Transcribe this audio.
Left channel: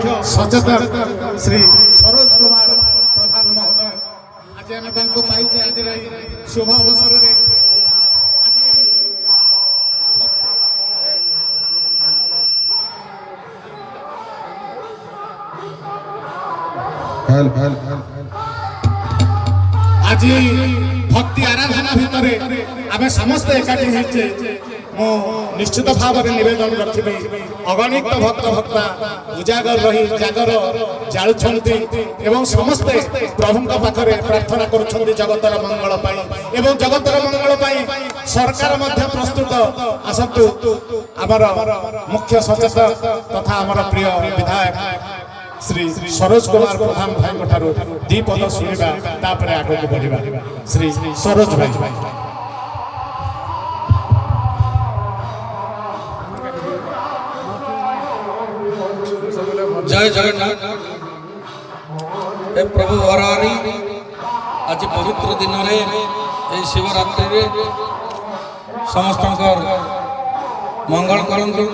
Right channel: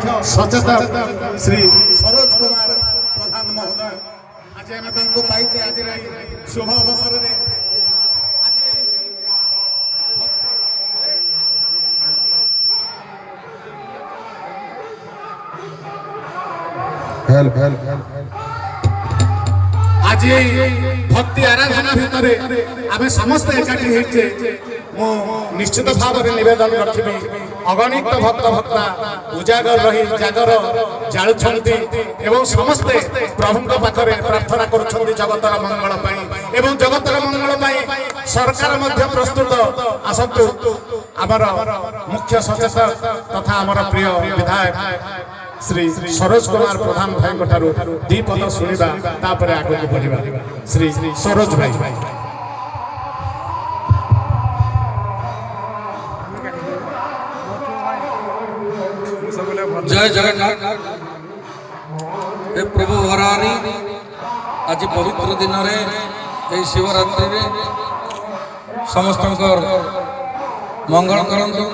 सचेतक श्री सरोज कुमार प्रधान महोदय आज आम पाइचे आज शुभ अवसर में आज भक्ति आराधना भितर आम समस्त एकाठी होचे मो निश्चित भाव में निवेदन रखी अगणित भक्त भक्ता उजागर रही जागर जालुछंती एवं समस्ते प्रभु पाखरे प्रार्थना करुछंती जगतर मंगल पाई एवं जगतर मंगल पाई सरकार मध्य प्रस्तुत आसतु आमर मुख्य सचेतक तथा आमर प्रिय विधायक श्री सरोज कुमार प्रधान भाई दीपद शुणा तापर आगे बढ़ा श्री सरोज भाई जय जगन्नाथ हे प्रभु वरारी आज पवित्र दिन रे शिवरात्रि समस्त मंगल करंतु।